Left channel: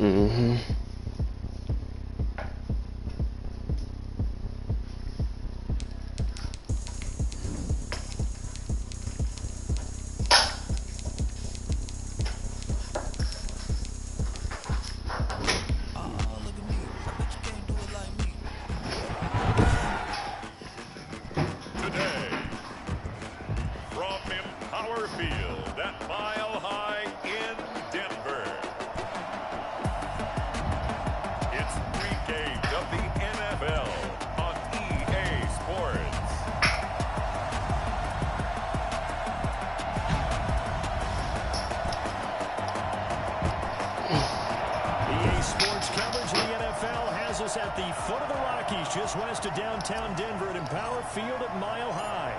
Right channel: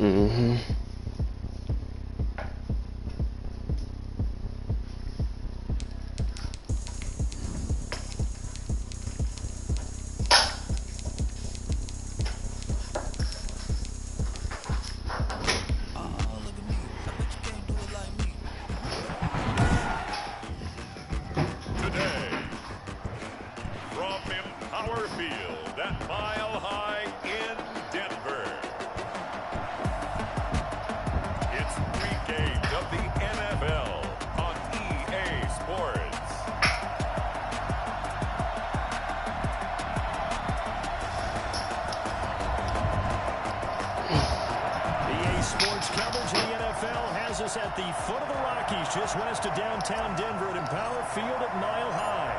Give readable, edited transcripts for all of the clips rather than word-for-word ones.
Mm-hmm. At the foot of the Rockies, just west of downtown Denver at Empower Field at Mile High.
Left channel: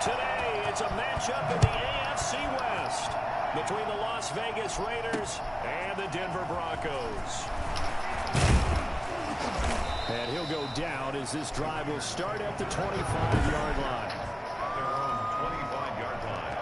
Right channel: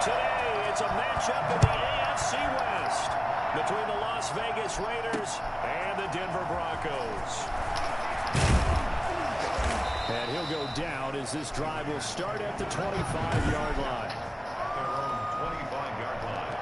Today, it's a matchup in the AFC West between the Las Vegas Raiders and the Denver Broncos. And he'll go down as this drive will start at the 25-yard line. Their own 25-yard line.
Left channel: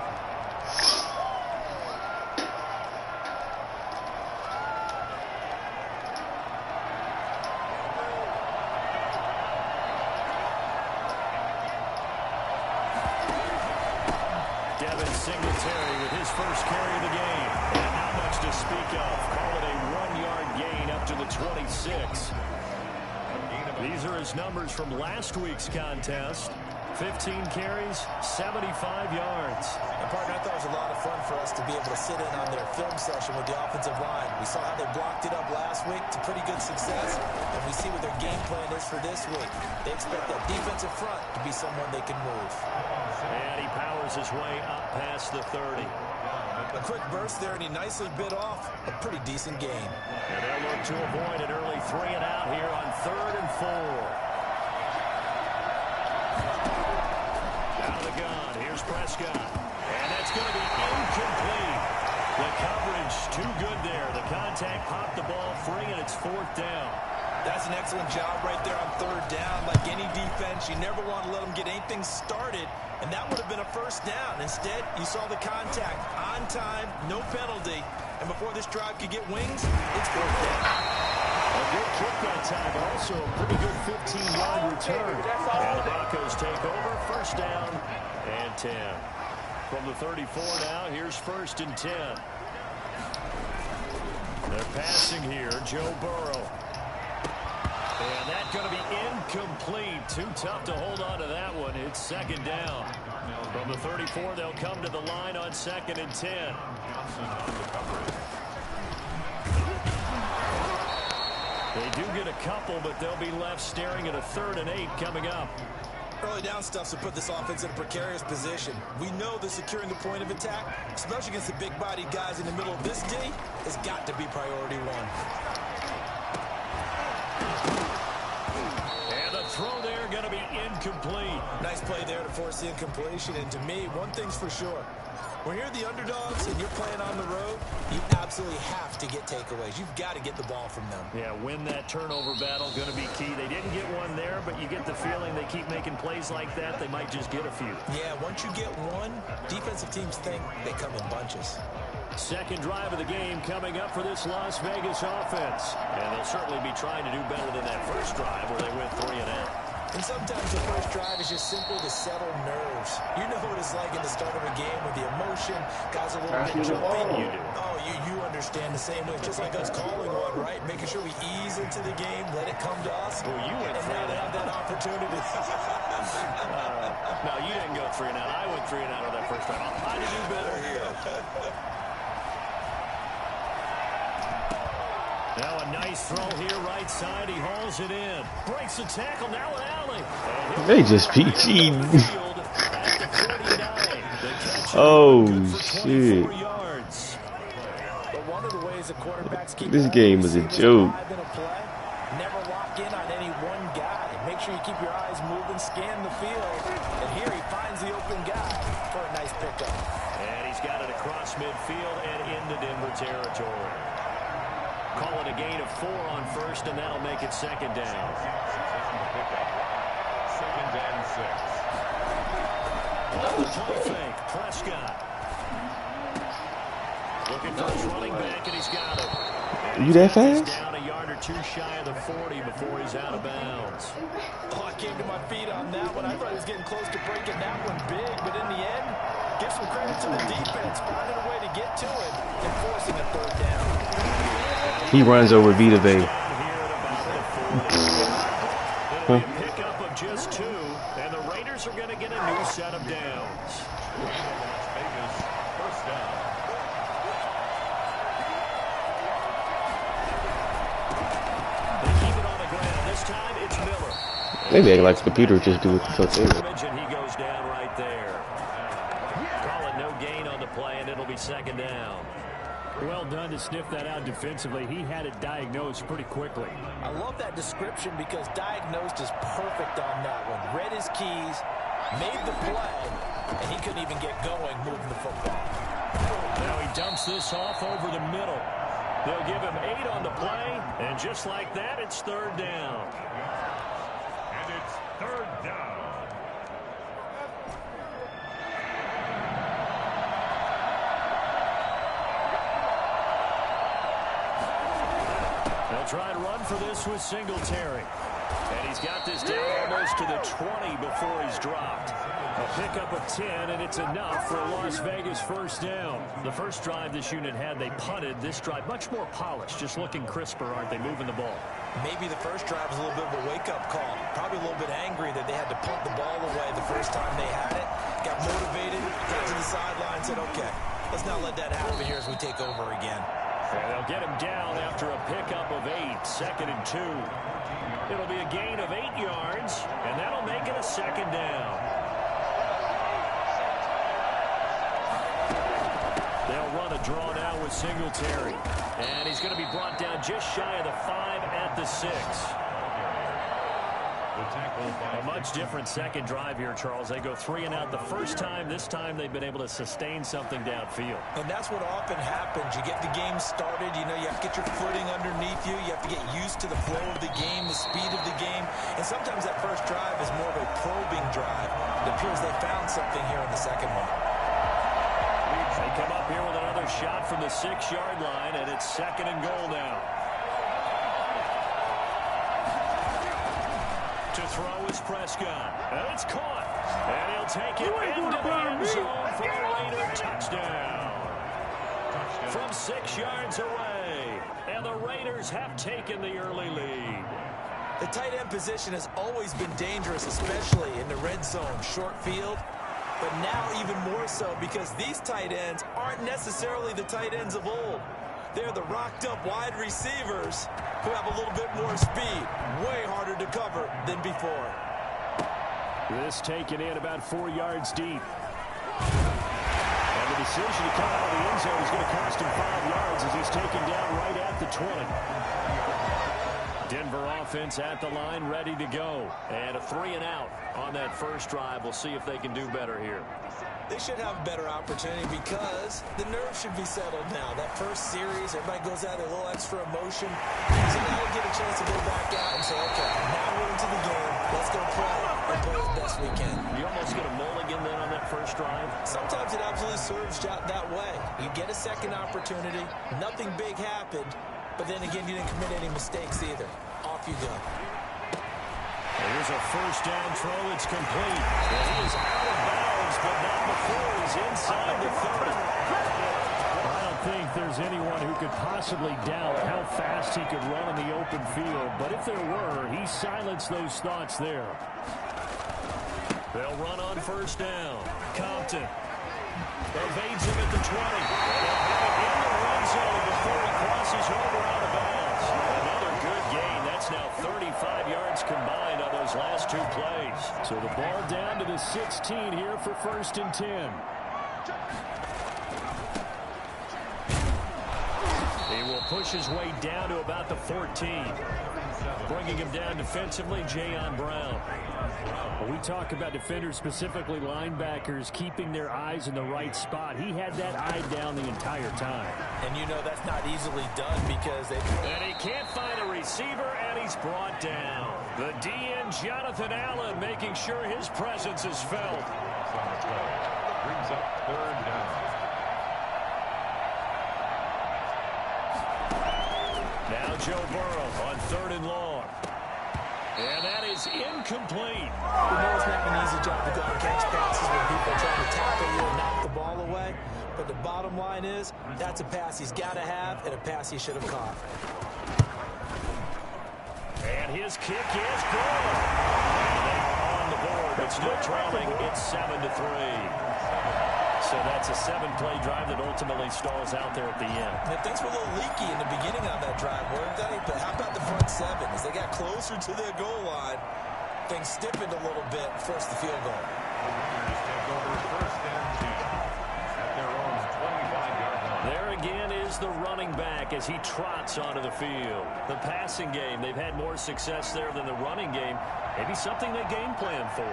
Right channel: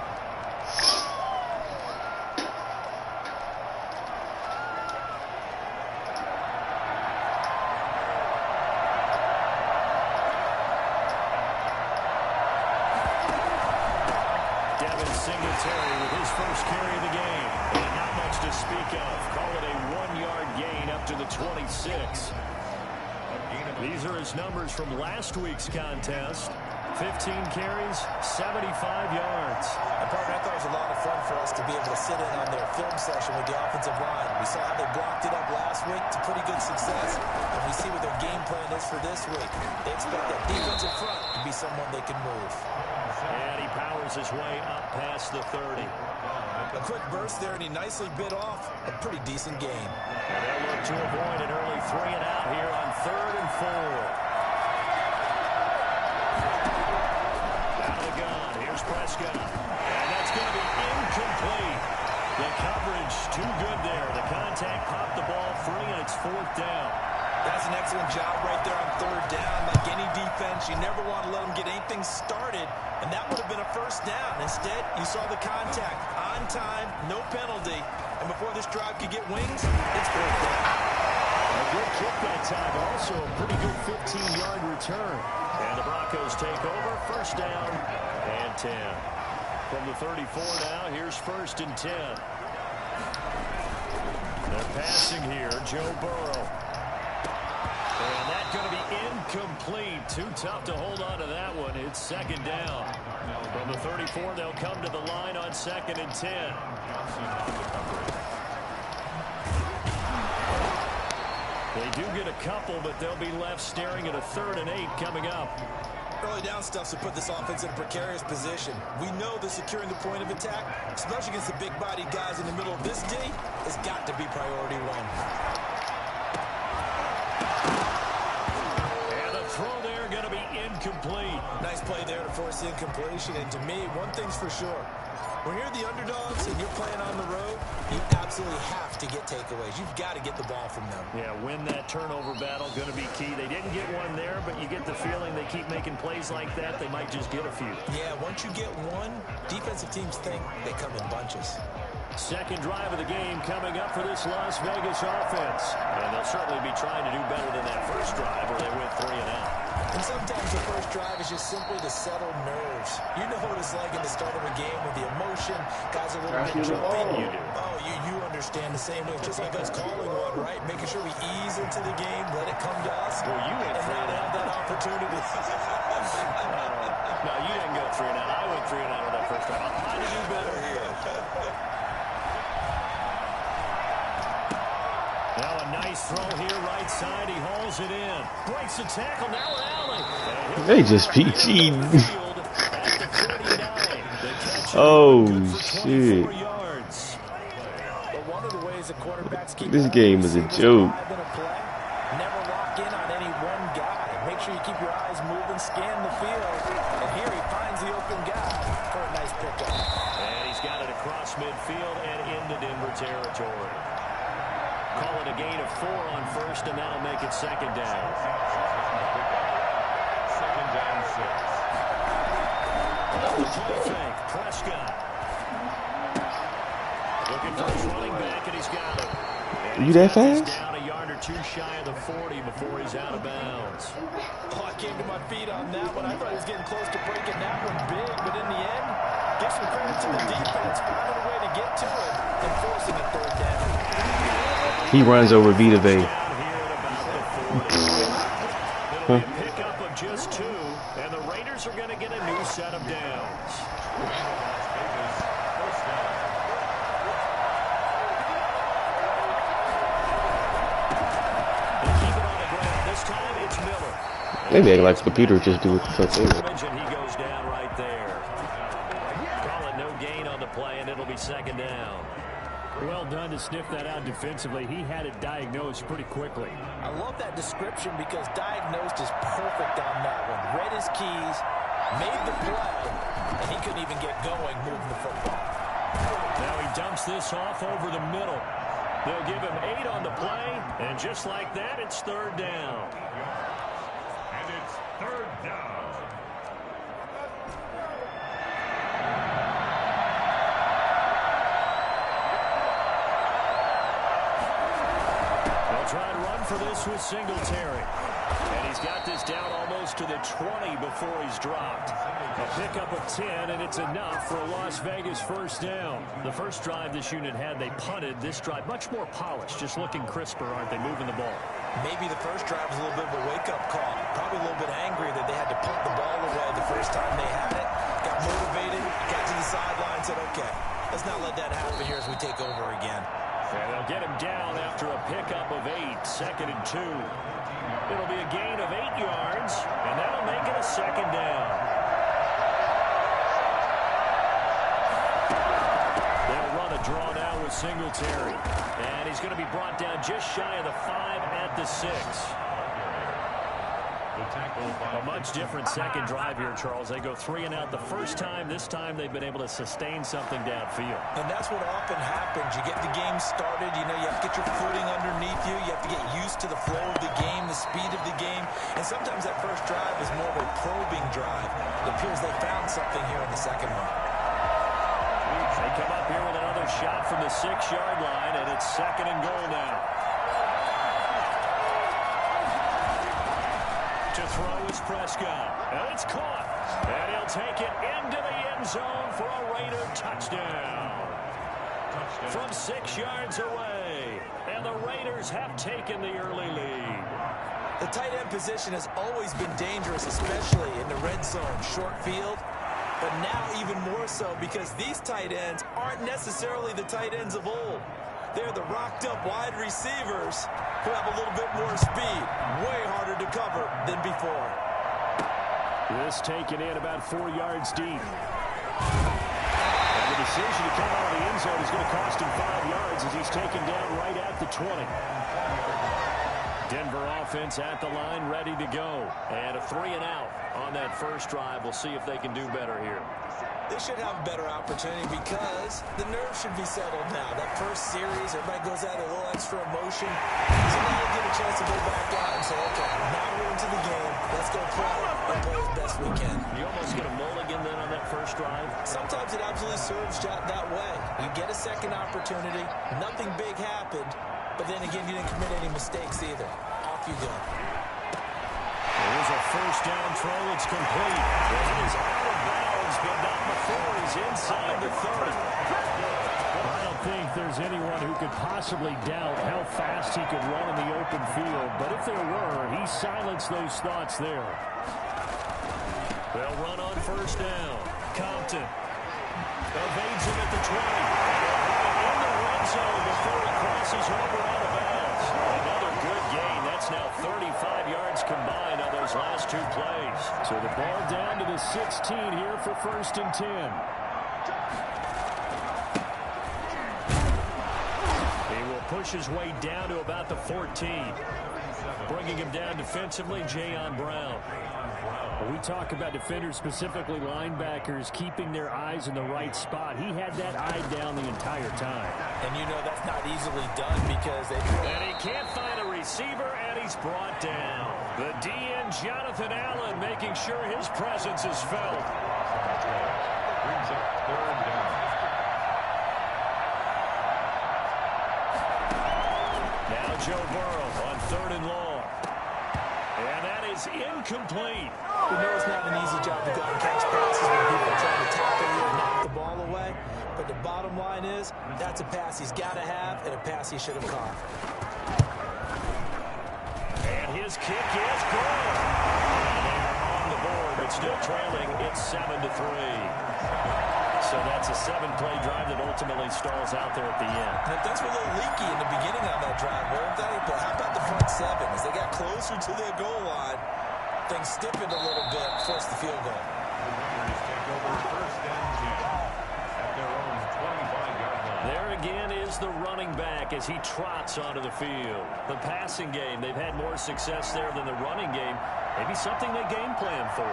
Singletary with his first carry of the game. And not much to speak of. Call it a 1-yard gain up to the 26. These are his numbers from last week's contest. 15 carries, 75 yards. And partner, I thought it was a lot of fun for us to be able to sit in on their film session with the offensive line. We saw how they blocked it up last week to pretty good success, and we see what their game plan is for this week. They expect that defensive front to be someone they can move. And he powers his way up past the 30. A quick burst there, and he nicely bit off a pretty decent gain. And they'll look to avoid an early 3-and-out here on 3rd and 4. Out of the gun, here's Prescott. And that's going to be incomplete. The coverage too good there. The contact popped the ball free, and it's 4th down. That's an excellent job right there on 3rd down. Like any defense, you never want to let them get anything started, and that would have been a 1st down. Instead, you saw the contact on time, no penalty, and before this drive could get wings, it's 4th down. A good kick that time, but also a pretty good 15-yard return. And the Broncos take over, 1st down and 10. From the 34 now, here's 1st and 10. They're passing here, Joe Burrow. And that's going to be incomplete. Too tough to hold on to that one. It's 2nd down. From the 34, they'll come to the line on 2nd and 10. They do get a couple, but they'll be left staring at a 3rd and 8 coming up. Early down stuff to put this offense in a precarious position. We know that securing the point of attack, especially against the big-bodied guys in the middle of this D, has got to be priority one. And the throw there going to be incomplete. Nice play there to force the incompletion. And to me, one thing's for sure. When you're the underdogs and you're playing on the road, you absolutely have to get takeaways. You've got to get the ball from them. Yeah, win that turnover battle, going to be key. They didn't get one there, but you get the feeling they keep making plays like that, they might just get a few. Yeah, once you get one, defensive teams think they come in bunches. 2nd drive of the game coming up for this Las Vegas offense. And they'll certainly be trying to do better than that 1st drive where they went 3-and-out. And sometimes the 1st drive is just simply to settle nerves. You know what it's like in the start of a game with the emotion. Guys a little bit jumping. You do. Oh, you understand the same way. Just like us calling one, right? Making sure we ease into the game, let it come to us. Well, you went and now to have that opportunity. No, you didn't go 3-and-out. I went 3-and-out on that 1st drive. I'm trying to do better here. Now a nice throw here, right side. He hauls it in. Breaks the tackle. Now an alley. They just PG. Oh, shit. One of the ways the quarterbacks keep This game was a joke. Never lock in on any one guy. Make sure you keep your eyes moving, scan the field. And here he finds the open guy for a nice pickup. And he's got it across midfield and into Denver territory. Call it a gain of 4 on 1st, and that'll make it 2nd down. 2nd and 6. Play fake, Prescott. Looking for his running back, and he's got it. You that fast? Down a yard or two shy of the 40 before he's out of bounds. Oh, I came to my feet on that one. I thought he was getting close to breaking that one big, but in the end, give some credit to the defense, finding a way to get to it and forcing a third down. He runs over Vita Vea. Down here at about the 40. It'll be a pickup of just 2, and the Raiders are going to get a new set of downs. Las Vegas, first down. They keep it on the ground. This time it's Miller. Maybe act like the computer just do what the fuck they want. And he goes down right there. Call it no gain on the play, and it'll be second down. Well done to sniff that out defensively. He had it diagnosed pretty quickly. I love that description because diagnosed is perfect on that one. Read his keys, made the play, and he couldn't even get going moving the football. Now he dumps this off over the middle. They'll give him 8 on the play, and just like that, it's third down. And it's third down. They'll try and run for this with Singletary. And he's got this down almost to the 20 before he's dropped. A pickup of 10, and it's enough for a Las Vegas first down. The first drive this unit had, they punted. This drive, much more polished, just looking crisper, aren't they, moving the ball? Maybe the first drive was a little bit of a wake-up call. Probably a little bit angry that they had to punt the ball away the first time they had it. Got motivated, got to the sideline, said, okay, let's not let that happen here as we take over again. And they'll get him down after a pickup of 8, second and 2. It'll be a gain of 8 yards, and that'll make it a second down. They'll run a draw now with Singletary. And he's going to be brought down just shy of the 5 at the 6. A much different second drive here, Charles. They go 3 and out the first time. This time they've been able to sustain something downfield. And that's what often happens. You get the game started. You know, you have to get your footing underneath you. You have to get used to the flow of the game, the speed of the game. And sometimes that first drive is more of a probing drive. It appears they found something here in the second one. They come up here with another shot from the 6-yard line, and it's second and goal now. To throw is Prescott, and it's caught. And he'll take it into the end zone for a Raider touchdown. From 6 yards away, and the Raiders have taken the early lead. The tight end position has always been dangerous, especially in the red zone, short field. But now even more so because these tight ends aren't necessarily the tight ends of old. They're the rocked-up wide receivers who have a little bit more speed. Way harder to cover than before. This taken in about 4 yards deep. And the decision to come out of the end zone is going to cost him 5 yards as he's taken down right at the 20. Denver offense at the line, ready to go. And a 3 and out on that first drive. We'll see if they can do better here. They should have a better opportunity because the nerves should be settled now. That first series, everybody goes out with a little extra emotion. So now we'll get a chance to go back out and say, okay, now we're into the game. Let's go play and play as best we can. You almost get a mulligan then on that first drive? Sometimes it absolutely serves that way. You get a second opportunity. Nothing big happened. But then again, you didn't commit any mistakes either. Off you go. Here's a first down throw. It's complete. And he is out of bounds, but not before he's inside the 30. I don't think there's anyone who could possibly doubt how fast he could run in the open field. But if there were, he silenced those thoughts there. They'll run on first down. Compton evades him at the 20. And they'll have it in the red zone before he crosses over out of bounds. Another good gain. That's now 35 yards combined on those last 2 plays. So the ball down to the 16 here for first and 10. He will push his way down to about the 14. Bringing him down defensively, Jayon Brown. When we talk about defenders, specifically linebackers, keeping their eyes in the right spot, he had that eye down the entire time. And you know that's not easily done because they... And he can't find a receiver, and he's brought down. The DN, Jonathan Allen, making sure his presence is felt. Brings up third down. Now Joe Burrow on 3rd and long. And that is incomplete. We know it's not an easy job to go and catch passes when people are trying to tackle you and knock the ball away. But the bottom line is, that's a pass he's got to have and a pass he should have caught. And his kick is good. And they are on the board, but still trailing. It's 7-3. So that's a 7-play drive that ultimately stalls out there at the end. And things were a little leaky in the beginning on that drive, weren't they? But how about the front 7? As they got closer to the goal line, things stiffened a little bit, forced the field goal. The Warriors take over 1st and 10 at their own 25-yard line. There again is the running back as he trots onto the field. The passing game, they've had more success there than the running game. Maybe something they game plan for.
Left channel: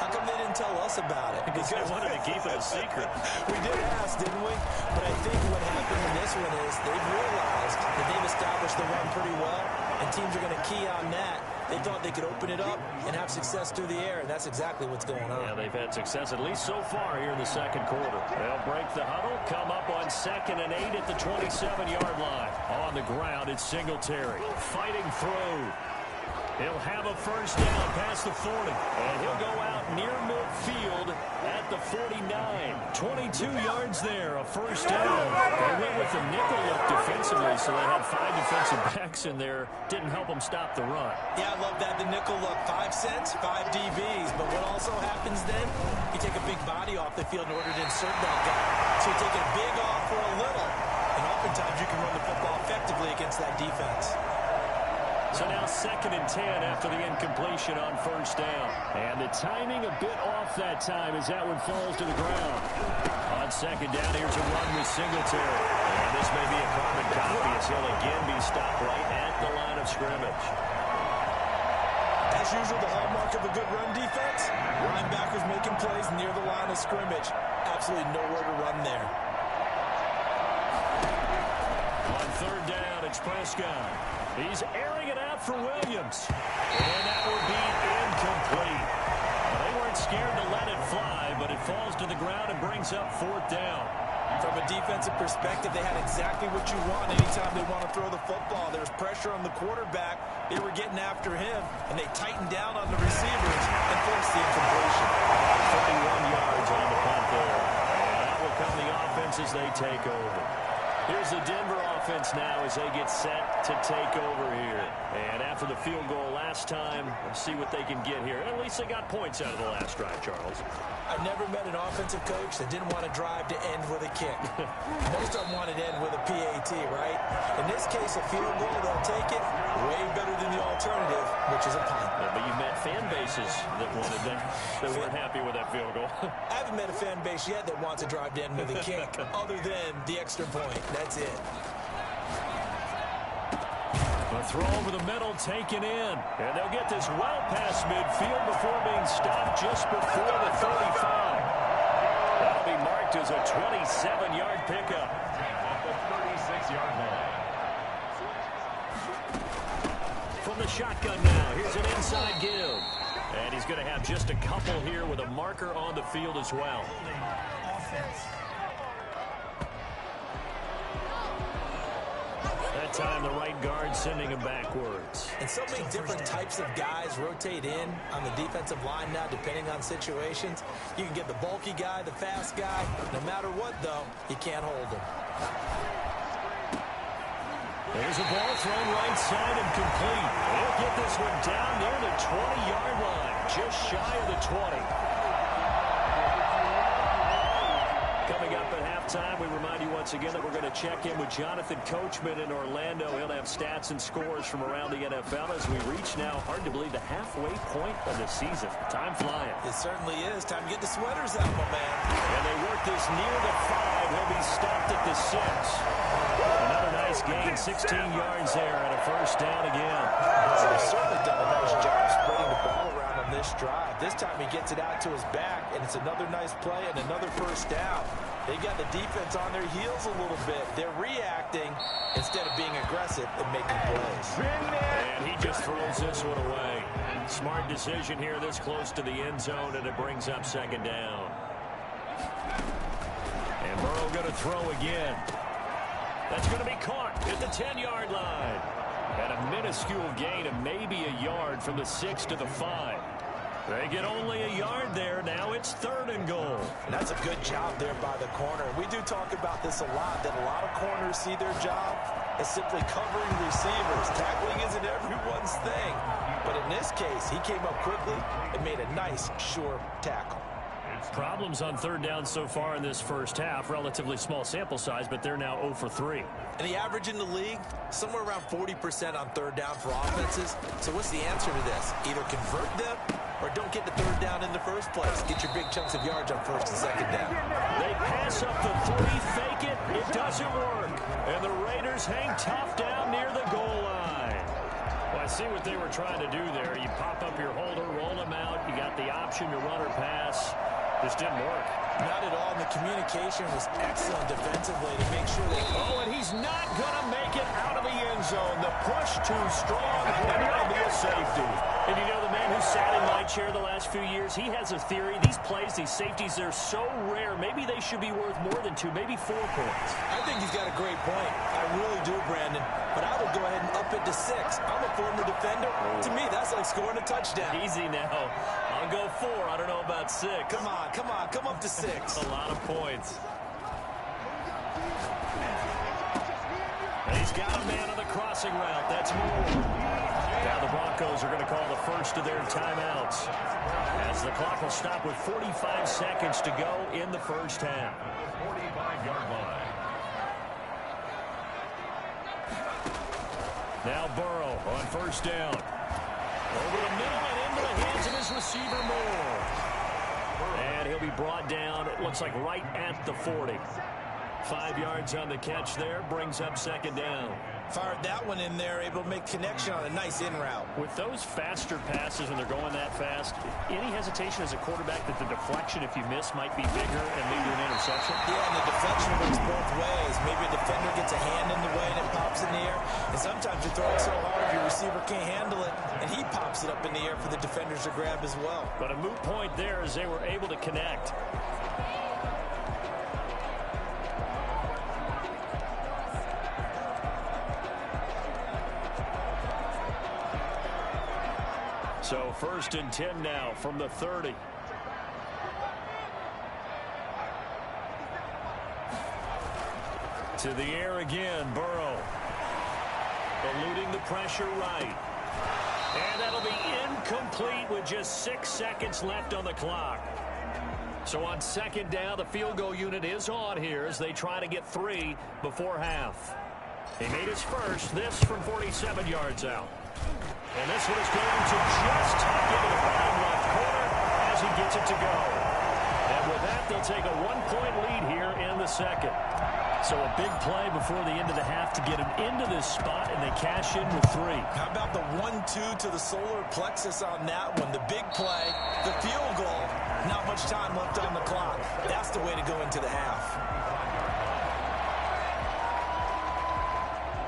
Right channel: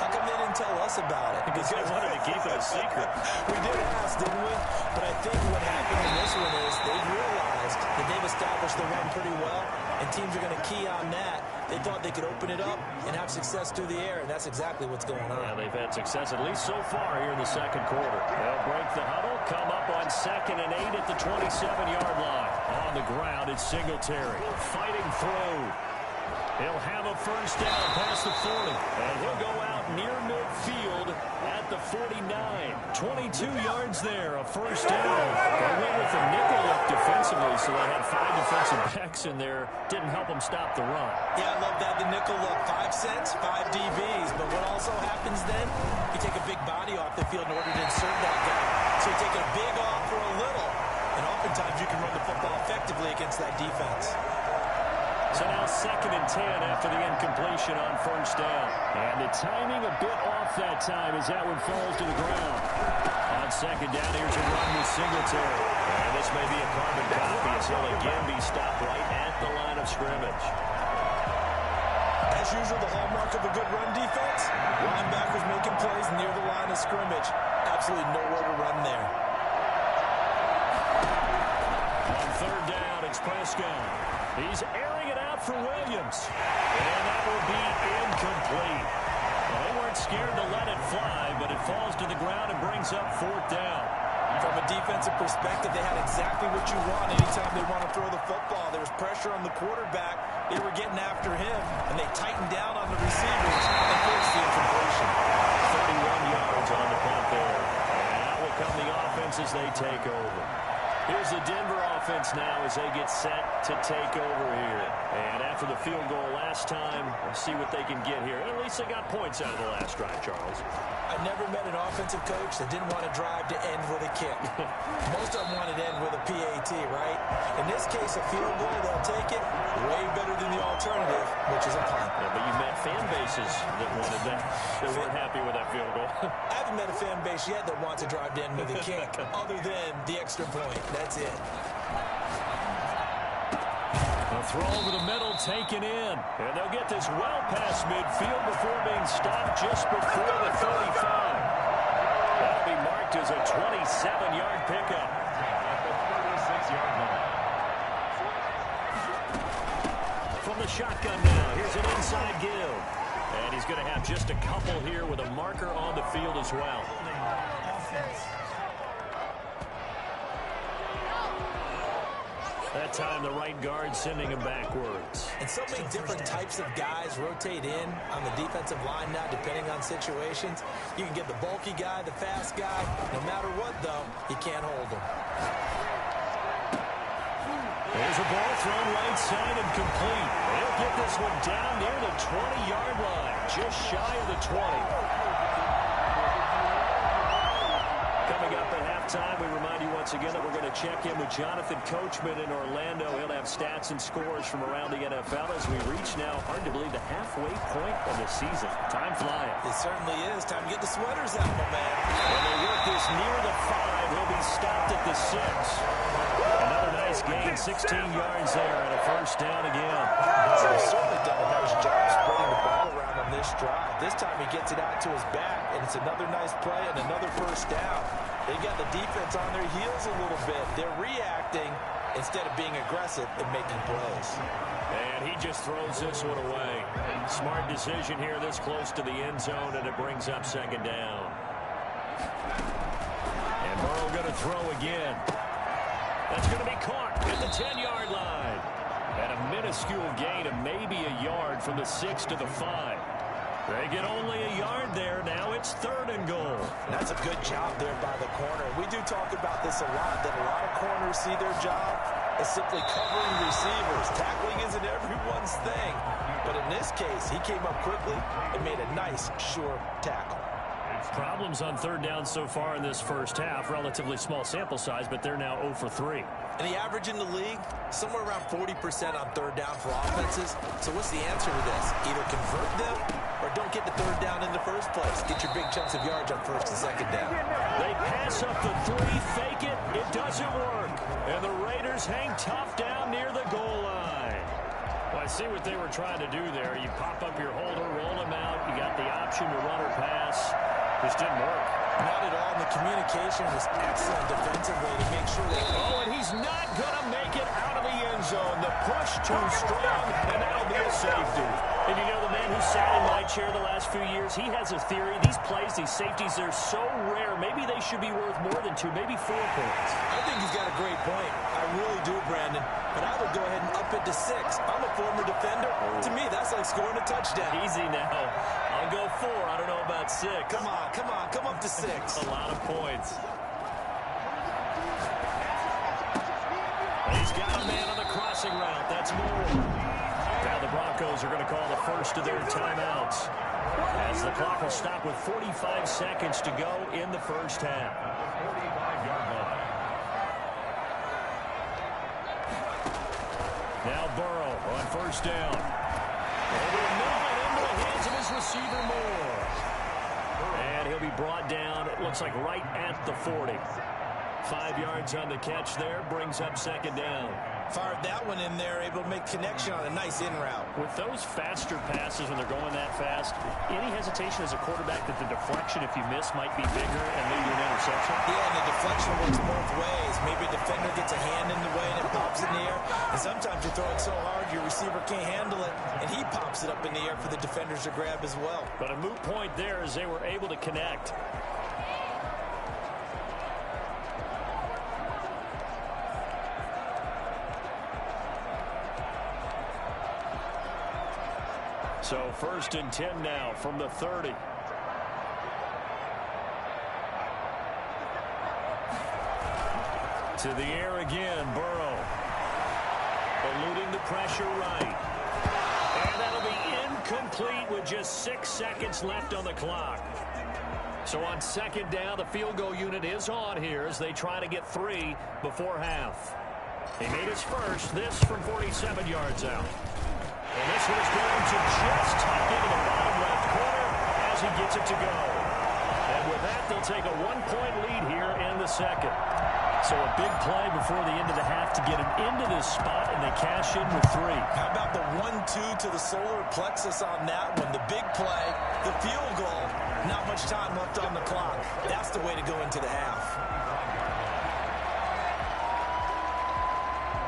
How come they didn't tell us about it? Because they wanted to keep it a secret. We did ask, didn't we? But I think what happened in this one is they've realized that they've established the run pretty well, and teams are going to key on that. They thought they could open it up and have success through the air, and that's exactly what's going on. Yeah, they've had success at least so far here in the 2nd quarter. They'll break the huddle, come up on 2nd and 8 at the 27-yard line. On the ground, it's Singletary. Fighting through. He'll have a 1st down past the 40. And he'll go out near midfield at the 49. 22 yards there, a 1st down. They went with the nickel look defensively, so they had 5 defensive backs in there. Didn't help them stop the run. Yeah, I love that, the nickel look. 5 cents, 5 DBs. But what also happens then, you take a big body off the field in order to insert that guy. So you take a big off for a little, and oftentimes you can run the football effectively against that defense. So now 2nd and 10 after the incompletion on 1st down. And the timing a bit off that time as that one falls to the ground. On 2nd down, here's a run with Singletary. And this may be a carbon copy as he'll again be stopped right at the line of scrimmage. As usual, the hallmark of a good run defense, linebackers making plays near the line of scrimmage. Absolutely nowhere to run there. On 3rd down, it's Prescott. He's airing it out for Williams. And that will be incomplete. Well, they weren't scared to let it fly, but it falls to the ground and brings up 4th down. From a defensive perspective, they had exactly what you want anytime they want to throw the football. There was pressure on the quarterback. They were getting after him, and they tightened down on the receivers and forced the incompletion. 31 yards on the punt there. And out will come the offense as they take over. Here's the Denver offense now as they get set to take over here. And after the field goal last time, we'll see what they can get here. At least they got points out of the last drive, Charles. I never met an offensive coach that didn't want to drive to end with a kick. Most of them wanted to end with a PAT, right? In this case, a field goal, they'll take it way better than the alternative, which is a punt. Yeah, but you met fan bases that wanted that weren't happy with that field goal. I haven't met a fan base yet that wants to drive to end with a kick other than the extra point. That's it. A throw over the middle taken in. And they'll get this well past midfield before being stopped just before the 35. That'll be marked as a 27-yard pickup. At the 36-yard line. From the shotgun now, here's an inside give. And he's going to have just a couple here with a marker on the field as well. That time the right guard sending him backwards. And so many different types of guys rotate in on the defensive line now depending on situations. You can get the bulky guy, the fast guy. No matter what, though, you can't hold him. There's a ball thrown right side and complete. They'll get this one down near the 20-yard line, just shy of the 20. Coming up at halftime, we remind you once again that we're going to check in with Jonathan Coachman in Orlando. He'll have stats and scores from around the NFL as we reach now, hard to believe, the halfway point of the season. Time flying. It certainly is. Time to get the sweaters out, my man. And they work this near the 5. He'll be stopped at the 6. Another nice gain, 16 yards there, and a 1st down again. He's certainly done a nice job spreading the ball around on this drive. This time he gets it out to his back, and it's another nice play and another 1st down. They got the defense on their heels a little bit. They're reacting instead of being aggressive and making plays. And he just throws this one away. Smart decision here this close to the end zone, and it brings up 2nd down. And Burrow going to throw again. That's going to be caught at the 10-yard line. And a minuscule gain of maybe a yard from the 6 to the 5. They get only a yard there. Now it's 3rd and goal. And that's a good job there by the corner. We do talk about this a lot, that a lot of corners see their job as simply covering receivers. Tackling isn't everyone's thing. But in this case, he came up quickly and made a nice, sure tackle. Problems on 3rd down so far in this first half. Relatively small sample size, but they're now 0 for 3. And the average in the league, somewhere around 40% on 3rd down for offenses. So what's the answer to this? Either convert them or don't get the 3rd down in the first place. Get your big chunks of yards on 1st and 2nd down. They pass up the 3, fake it. It doesn't work. And the Raiders hang tough down near the goal line. Well, I see what they were trying to do there. You pop up your holder, roll him out. You got the option to run or pass. Just didn't work. Not at all, and the communication was excellent defensively to make sure that... Oh, and he's not going to make it out of the end zone. The push too strong, and that'll be a safety. And you know, the man who sat in my chair the last few years, he has a theory. These plays, these safeties, they're so rare. Maybe they should be worth more than 2, maybe 4 points. I think he's got a great point. I really do, Brandon. But I would go ahead and up it to 6. I'm a former defender. To me, that's like scoring a touchdown. Easy now. I'll go 4. I don't know about 6. Come on, come on. Come up to 6. A lot of points. He's got a man on the crossing route. That's Moore. Now the Broncos are going to call the first of their timeouts, as the clock will stop with 45 seconds to go in the first half. 45-yard line. Now Burrow on 1st down. Over the middle and into the hands of his receiver, Moore. And he'll be brought down, it looks like right at the 40. 5 yards on the catch there, brings up 2nd down. Fired that one in there, able to make connection on a nice in route. With those faster passes when they're going that fast, any hesitation as a quarterback that the deflection, if you miss, might be bigger and lead to an interception? Yeah, and the deflection works both ways. Maybe a defender gets a hand in the way and it pops in the air. And sometimes you throw it so hard your receiver can't handle it, and he pops it up in the air for the defenders to grab as well. But a moot point there as they were able to connect. So 1st and 10 now from the 30. To the air again, Burrow. Eluding the pressure right. And that'll be incomplete with just 6 seconds left on the clock. So on 2nd down, the field goal unit is on here as they try to get 3 before half. He made his first, this from 47 yards out. And this one is going to just tuck into the bottom left corner as he gets it to go. And with that, they'll take a 1-point lead here in the 2nd. So a big play before the end of the half to get him into this spot, and they cash in with 3. How about the 1-2 to the solar plexus on that one? The big play, the field goal, not much time left on the clock. That's the way to go into the half.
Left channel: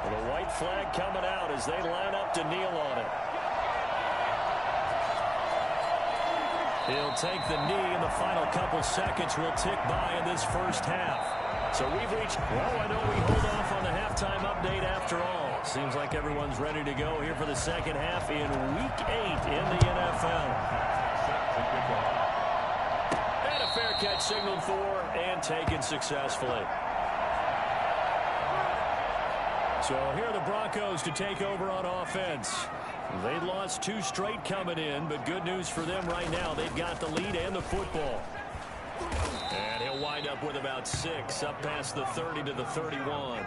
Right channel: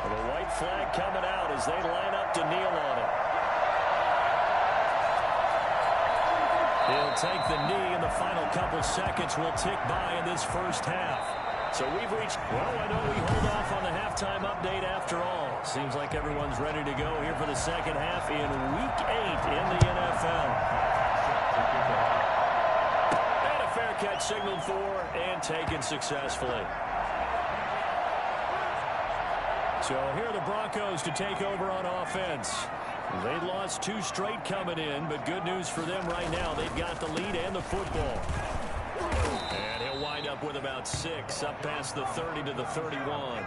The white flag coming out as they line up to kneel on it. He'll take the knee, and the final couple seconds will tick by in this first half. So we've reached, well, I know we hold off on the halftime update after all. Seems like everyone's ready to go here for the 2nd half in Week 8 in the NFL. And a fair catch signaled for and taken successfully. So here are the Broncos to take over on offense. They lost 2 straight coming in, but good news for them right now. They've got the lead and the football. And he'll wind up with about 6 up past the 30 to the 31.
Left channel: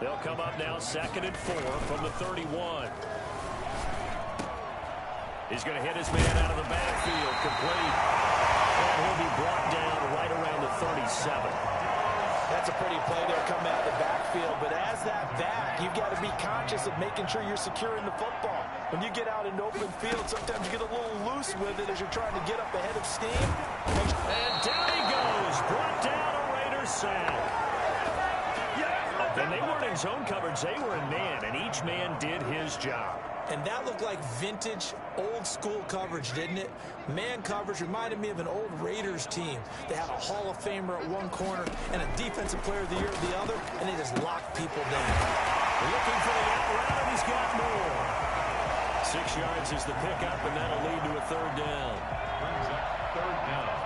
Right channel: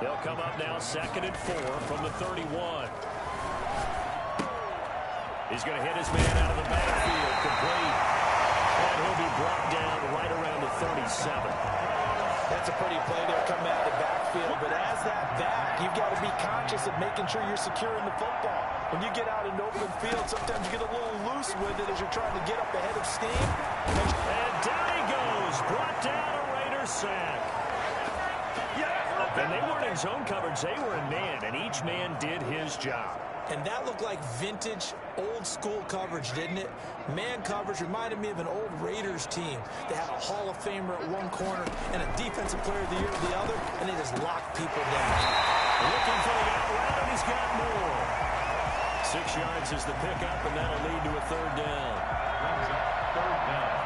They'll come up now 2nd and 4 from the 31. He's going to hit his man out of the backfield, complete. And he'll be brought down right around the 37. That's a pretty play there coming out of the backfield. But as that back, you've got to be conscious of making sure you're securing the football. When you get out in open field, sometimes you get a little loose with it as you're trying to get up ahead of steam. And down he goes. Brought down a Raiders sack. And they weren't in zone coverage. They were in man, and each man did his job. And that looked like vintage, old-school coverage, didn't it? Man coverage reminded me of an old Raiders team. They had a Hall of Famer at one corner and a Defensive Player of the Year at the other, and they just locked people down. Looking for the out route, and he's got more. 6 yards is the pickup, and that'll lead to a third down. Brings up third down.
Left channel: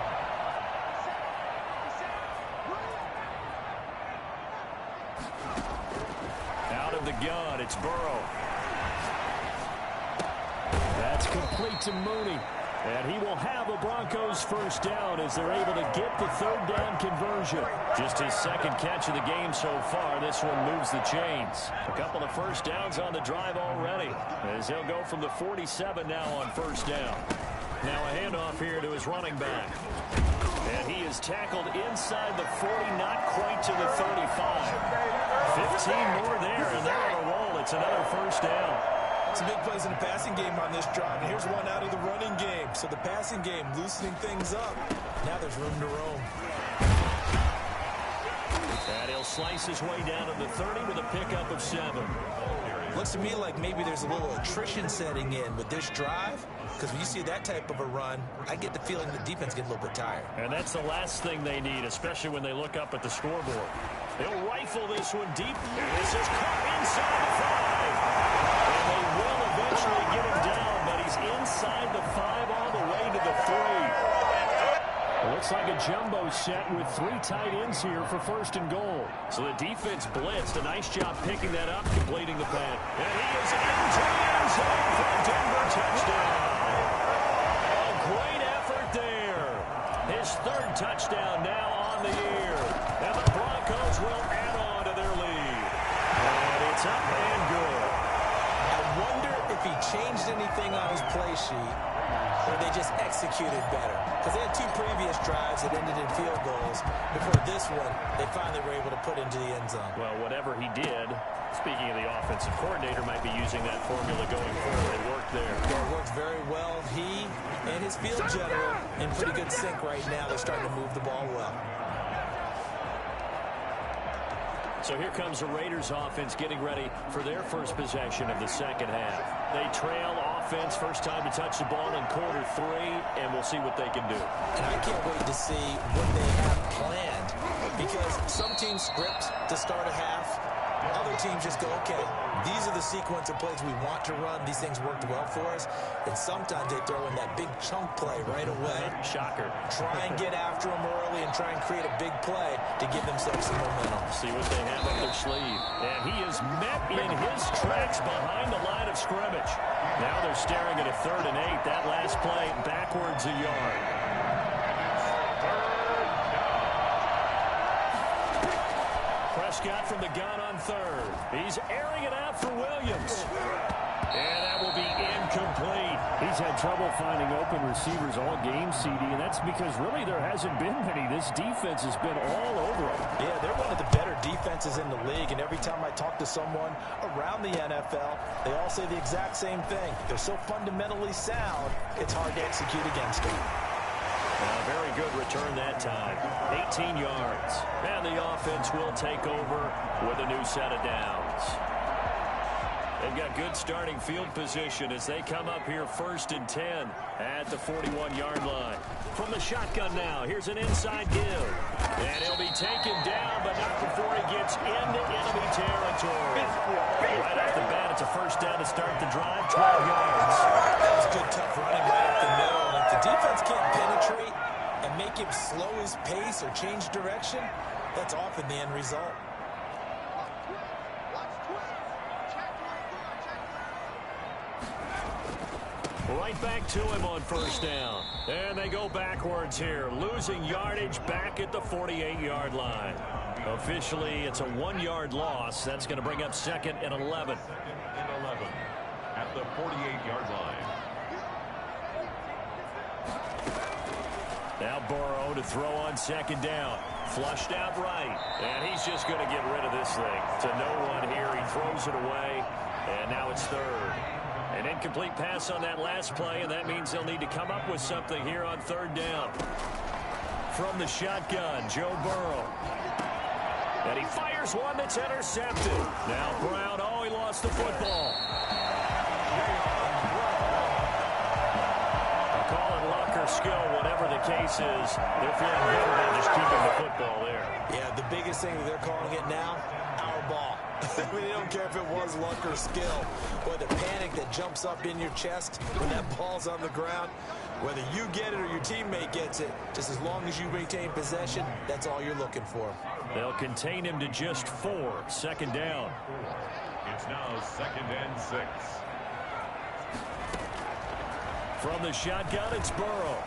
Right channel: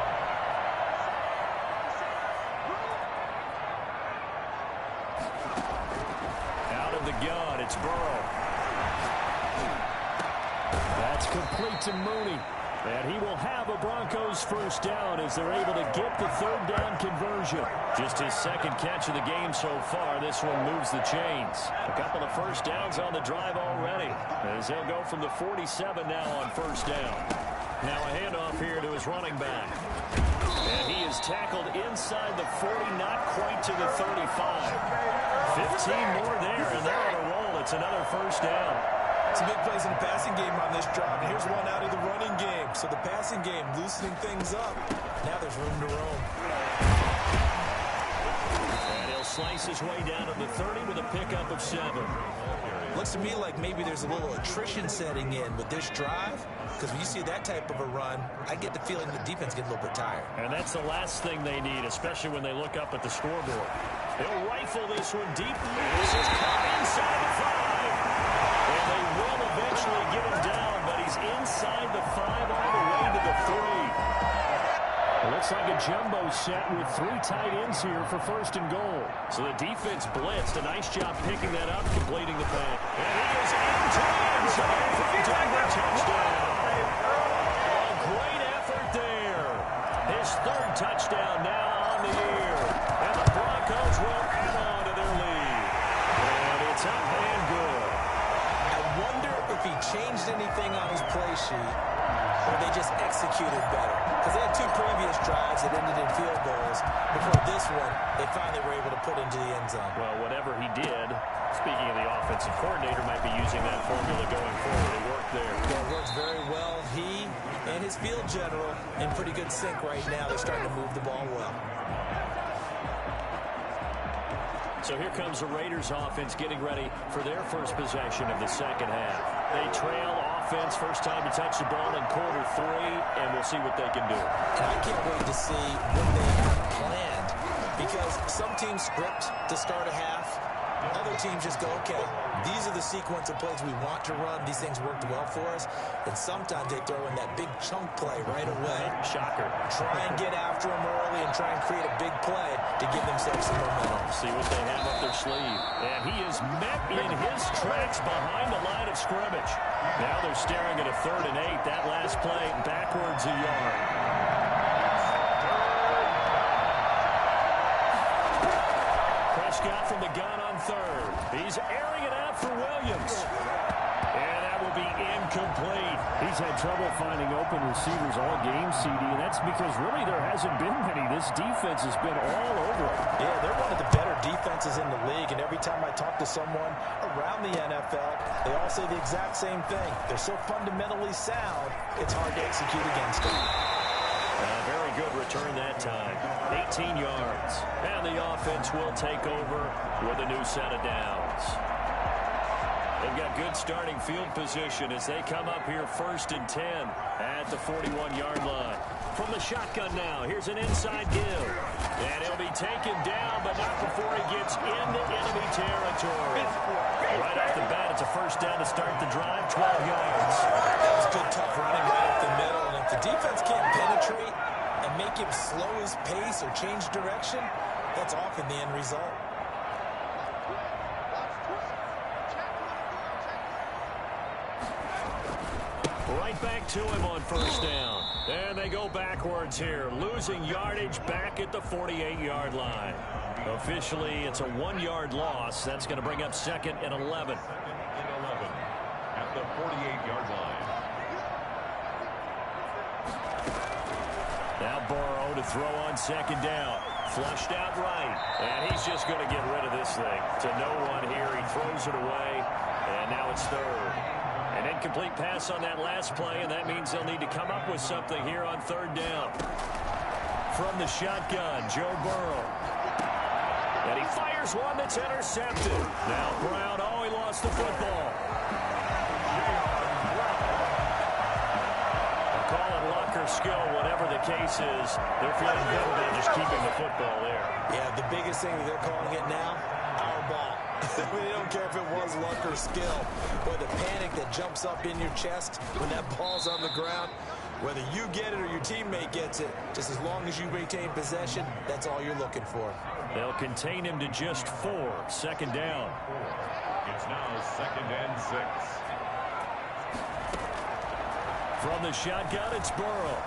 Out of the gun, it's Burrow. That's complete to Mooney. And he will have a Broncos first down as they're able to get the third down conversion. Just his second catch of the game so far. This one moves the chains. A couple of first downs on the drive already, as he'll go from the 47 now on first down. Now a handoff here to his running back. And he is tackled inside the 40, not quite to the 35. 15 more there, and they're on a roll. It's another first down. Some big plays in the passing game on this drive, and here's one out of the running game. So the passing game loosening things up. Now there's room to roam. And he'll slice his way down to the 30 with a pickup of 7. Looks to me like maybe there's a little attrition setting in with this drive, because when you see that type of a run, I get the feeling the defense gets a little bit tired. And that's the last thing they need, especially when they look up at the scoreboard. They'll rifle this one deep. This is caught inside the 5. And they will eventually get him down, but he's inside the 5 all the way to the 3. It looks like a jumbo set with 3 tight ends here for first and goal. So the defense blitzed. A nice job picking that up, completing the pass. And he is into the end zone for a Denver touchdown. A great effort there. His 3rd touchdown now on the year. And the Broncos will add on to their lead. And it's up and good. I wonder if he changed anything on his play sheet or they just executed better. Because they had 2 previous drives that ended in field goals. Before this one, they finally were able to put into the end zone. Well, whatever he did, speaking of the offensive coordinator, might be using that formula going forward. It worked there. Yeah, it works very well. He and his field general in pretty good sync right now. They're starting to move the ball well. So here comes the Raiders offense getting ready for their first possession of the second half. They trail offense, first time to touch the ball in quarter 3, and we'll see what they can do. And I can't wait to see what they have planned, because some teams script to start a half. Other teams just go, okay, these are the sequence of plays we want to run. These things worked well for us. And sometimes they throw in that big chunk play right away. Shocker. Try and get after them early and try and create a big play to give themselves some momentum. See what they have up their sleeve. And he is met in his tracks behind the line of scrimmage. Now they're staring at a 3rd and 8. That last play backwards a yard. Prescott from the gun on 3rd. He's airing it out for Williams. And that will be incomplete. He's had trouble finding open receivers all game, CD, and that's because really there hasn't been many. This defense has been all over it. Yeah, they're one of the better defenses in the league, and every time I talk to someone around the NFL, they all say the exact same thing. They're so fundamentally sound, it's hard to execute against them. A very good return that time. 18 yards. And the offense will take over with a new set of downs. They've got good starting field position as they come up here 1st and 10 at the 41-yard line. From the shotgun now, here's an inside give. And he'll be taken down, but not before he gets into enemy territory. Right off the bat, it's a first down to start the drive, 12 yards. That was good, tough running right up the middle. And if the defense can't penetrate and make him slow his pace or change direction, that's often the end result. Right back to him on first down. And they go backwards here, losing yardage back at the 48-yard line. Officially, it's a 1-yard loss. That's going to bring up 2nd and 11. 2nd and 11 at the 48-yard line. Now Burrow to throw on 2nd down. Flushed out right. And he's just going to get rid of this thing. To no one here. He throws it away. And now it's 3rd. An incomplete pass on that last play, and that means they'll need to come up with something here on 3rd down. From the shotgun, Joe Burrow. And he fires one that's intercepted. Now Brown, he lost the football. or skill, whatever the case is, they're feeling good about just keeping the football there. Yeah, the biggest thing that they're calling it now, our ball. I mean, they don't care if it was luck or skill, or the panic that jumps up in your chest when that ball's on the ground. Whether you get it or your teammate gets it, just as long as you maintain possession, that's all you're looking for. They'll contain him to just 4. Second down. It's now 2nd and 6. From the shotgun, it's Burrow.